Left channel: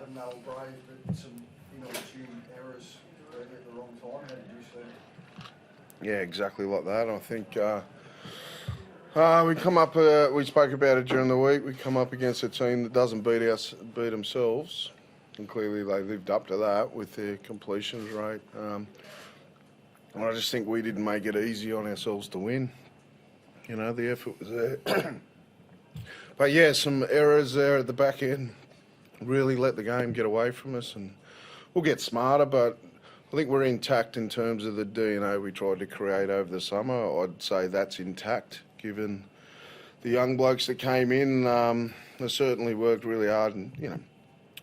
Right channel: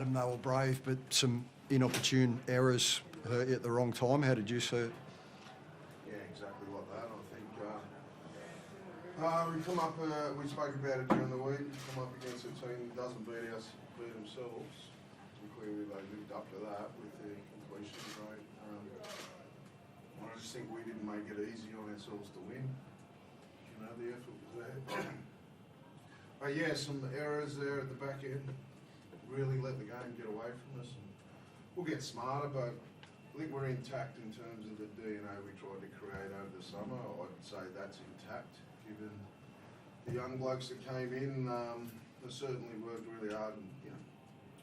Adam, they were brave, but some inopportune errors hurt you at the wrong time. How did you see it? Yeah, exactly like that. I think we come up. We spoke about it during the week. We come up against a team that doesn't beat themselves, and clearly they lived up to that with their completions rate. And I just think we didn't make it easy on ourselves to win. You know, the effort was there. But yeah, some errors there at the back end really let the game get away from us, and we'll get smarter, but I think we're intact in terms of the DNA we tried to create over the summer. I'd say that's intact, given the young blokes that came in. They certainly worked really hard, and you know,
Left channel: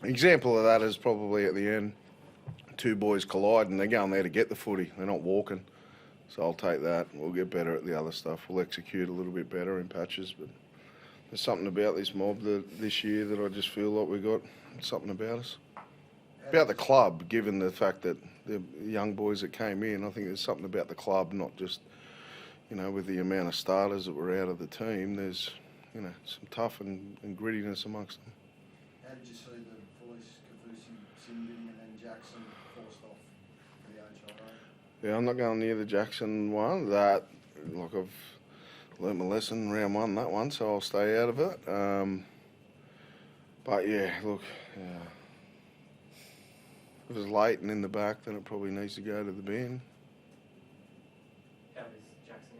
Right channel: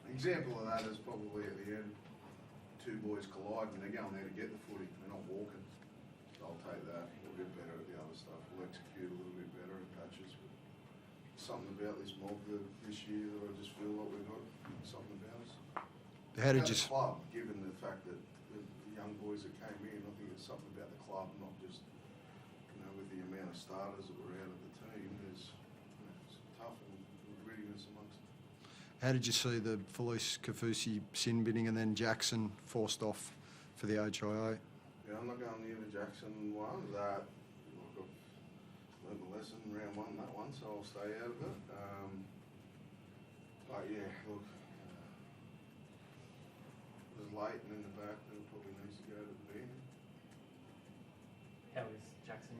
an example of that is probably at the end, two boys collide and they're going there to get the footy. They're not walking. So I'll take that. We'll get better at the other stuff. We'll execute a little bit better in patches, but there's something about this mob this year that I just feel like we got something about us. About the club, given the fact that the young boys that came in, I think there's something about the club, not just, you know, with the amount of starters that were out of the team, there's, you know, some tough and grittiness amongst them. How did you see the Felice Kafusi sin binning and then Jackson forced off for the HIA? Yeah, I'm not going near the Jackson one. That, like, I've learnt my lesson round one, that one, so I'll stay out of it. But yeah, look, if it was late and in the back, then it probably needs to go to the bin. How is Jackson?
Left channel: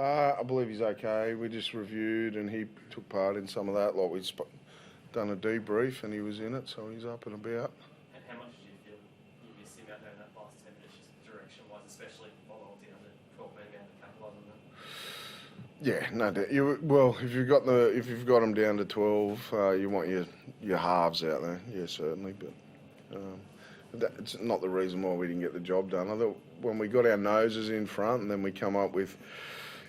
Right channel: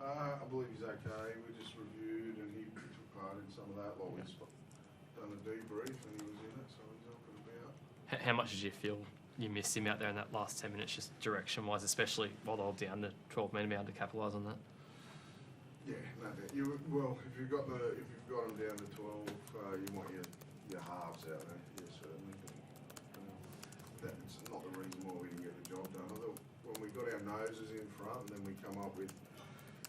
I believe he's okay. We just reviewed and he took part in some of that. Like we'd done a debrief and he was in it, so he's up and about. How much did you feel you missed him out there in that last 10 minutes, just direction-wise, especially while they were down to 12 men, able to capitalise on that? Yeah, no doubt. Well, if you've got them down to 12, you want your halves out there. Yeah, certainly, but. It's not the reason why we didn't get the job done. I thought when we got our noses in front and then we come up with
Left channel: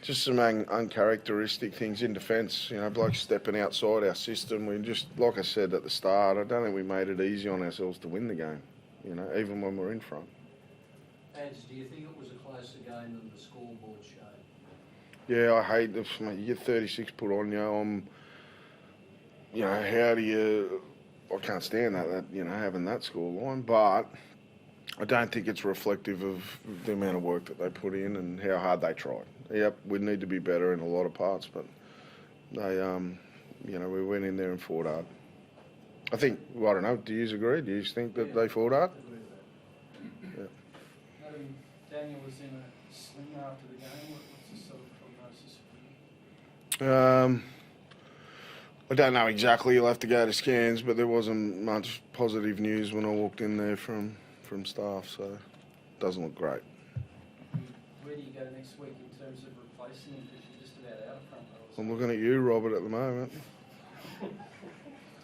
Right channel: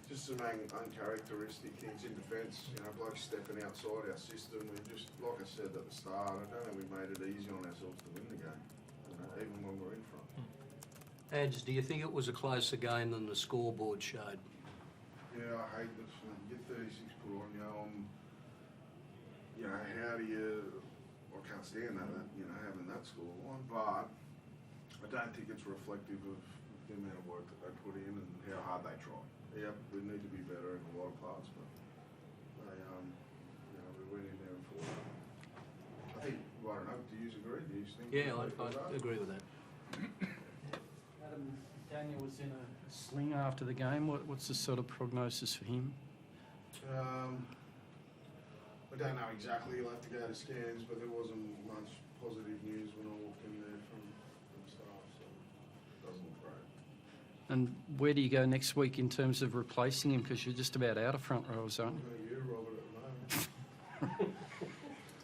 just some uncharacteristic things in defence, you know, blokes stepping outside our system. We just, like I said at the start, I don't think we made it easy on ourselves to win the game, you know, even when we're in front. Ads, do you think it was a closer game than the scoreboard showed? Yeah, I hate this. You get 36 put on you. You know, how do you... I can't stand that, you know, having that scoreline, but I don't think it's reflective of the amount of work that they put in and how hard they tried. Yep, we need to be better in a lot of parts, but they, you know, we went in there and fought hard. I think, well, I don't know, do you agree? Do you think that they fought hard? I agree with that. Yeah. Adam, Daniel was in a sling after the game. What's the sort of prognosis for him? I don't know exactly. You'll have to go to scans, but there wasn't much positive news when I walked in there from staff, so it doesn't look great. And where do you go next week in terms of replacing him? Because you're just about out of front row. I'm looking at you, Robert, at the moment.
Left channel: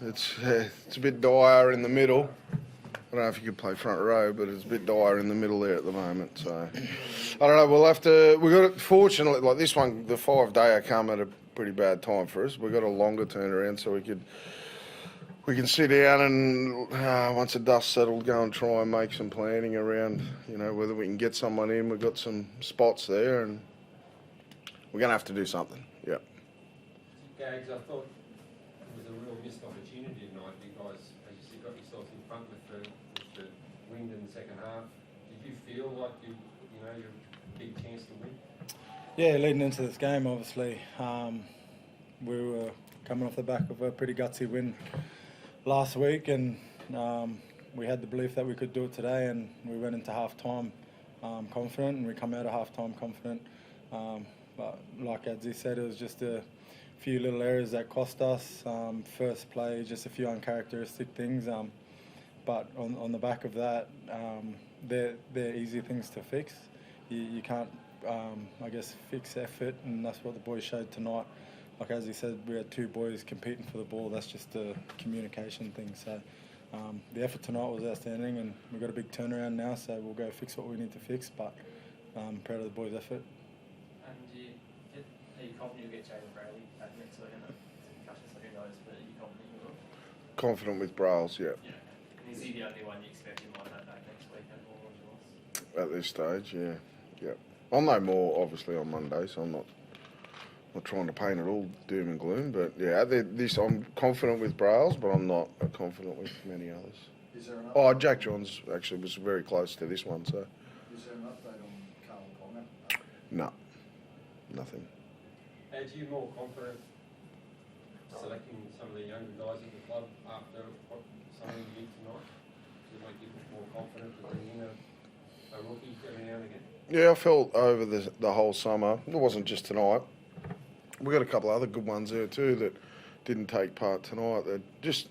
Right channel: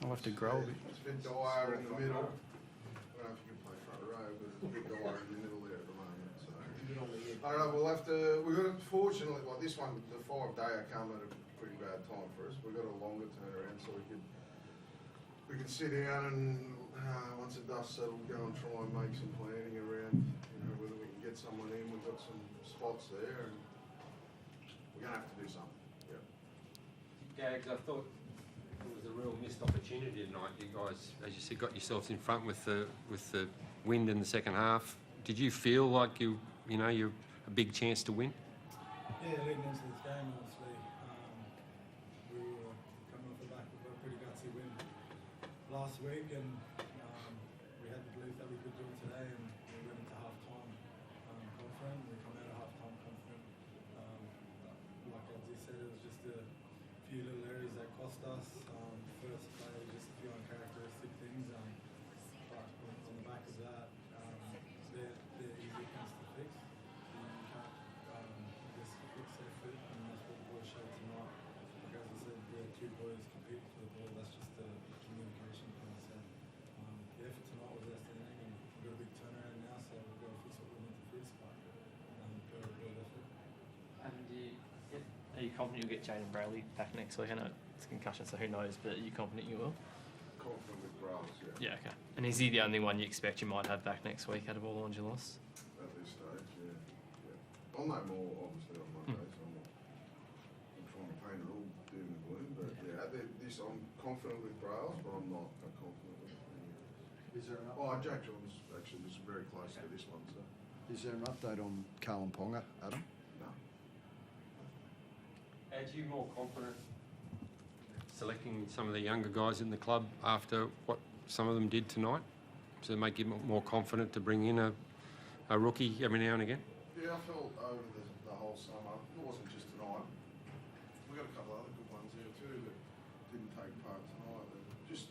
It's a bit dire in the middle. I don't know if you could play front row, but it's a bit dire in the middle there at the moment. So I don't know. We'll have to. We got it. Fortunately, like this one, the 5-day come at a pretty bad time for us. We've got a longer turnaround, so we can sit down and once the dust settled, go and try and make some planning around, you know, whether we can get someone in. We've got some spots there, and we're going to have to do something. Yeah. Gags, I thought it was a real missed opportunity tonight. You guys, as you said, got yourselves in front with the wind in the second half. Did you feel like you're a big chance to win? Yeah, leading into this game, obviously, we were coming off the back of a pretty gutsy win last week, and we had the belief that we could do it today, and we went into half-time confident, and we come out of half-time confident. But like Adzi said, it was just a few little errors that cost us. First play, just a few uncharacteristic things, but on the back of that, they're easy things to fix. You can't, I guess, fix effort, and that's what the boys showed tonight. Like as he said, we had two boys competing for the ball. That's just a communication thing. So the effort tonight was outstanding, and we've got a big turnaround now, so we'll go fix what we need to fix, but proud of the boys' effort. And are you confident you'll get Jalen Brayley back next week? I know it's concussion, so who knows, but are you confident you will? Confident with Brails, yeah. Yeah, okay. And is he the only one you expect you might have back next week out of all the ones you lost? At this stage, yeah. I'll know more, obviously, on Monday, so I'm not trying to paint it all doom and gloom, but yeah, I'm confident with Brails, but I'm not confident with many others. Is there an Oh, Jack Johns actually was very close to this one, so Is there an update on Carlin Ponga? Adam? no, nothing. Are you more confident selecting some of the younger guys in the club after what some of them did tonight? Does it make you more confident to bring in a rookie every now and again? Yeah, I felt over the whole summer. It wasn't just tonight. We got a couple of other good ones there too that didn't take part tonight. That just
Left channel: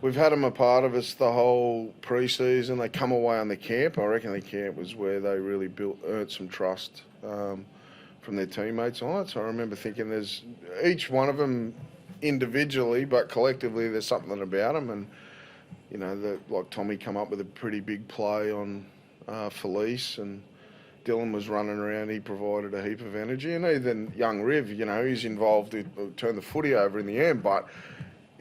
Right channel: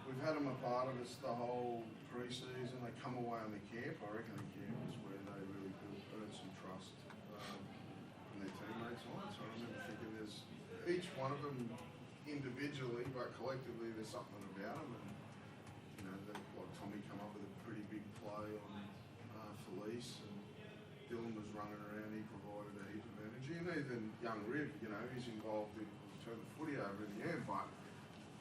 we've had them a part of us the whole pre-season. They come away on the camp. I reckon the camp was where they really earned some trust from their teammates on it. So I remember thinking there's each one of them individually, but collectively there's something about them. And you know, like Tommy come up with a pretty big play on Felice, and Dylan was running around. He provided a heap of energy, and even young Riv, you know, he's involved. He turned the footy over in the end, but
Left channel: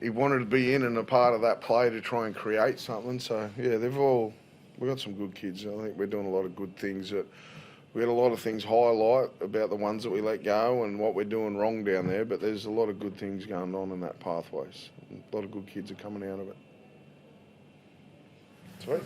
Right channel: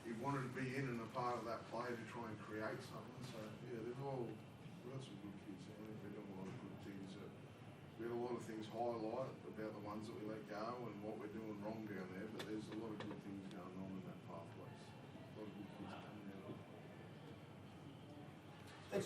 he wanted to be in and a part of that play to try and create something. So yeah, we got some good kids. I think we're doing a lot of good things. We had a lot of things highlight about the ones that we let go and what we're doing wrong down there, but there's a lot of good things going on in that pathways. A lot of good kids are coming out of it. Sweet.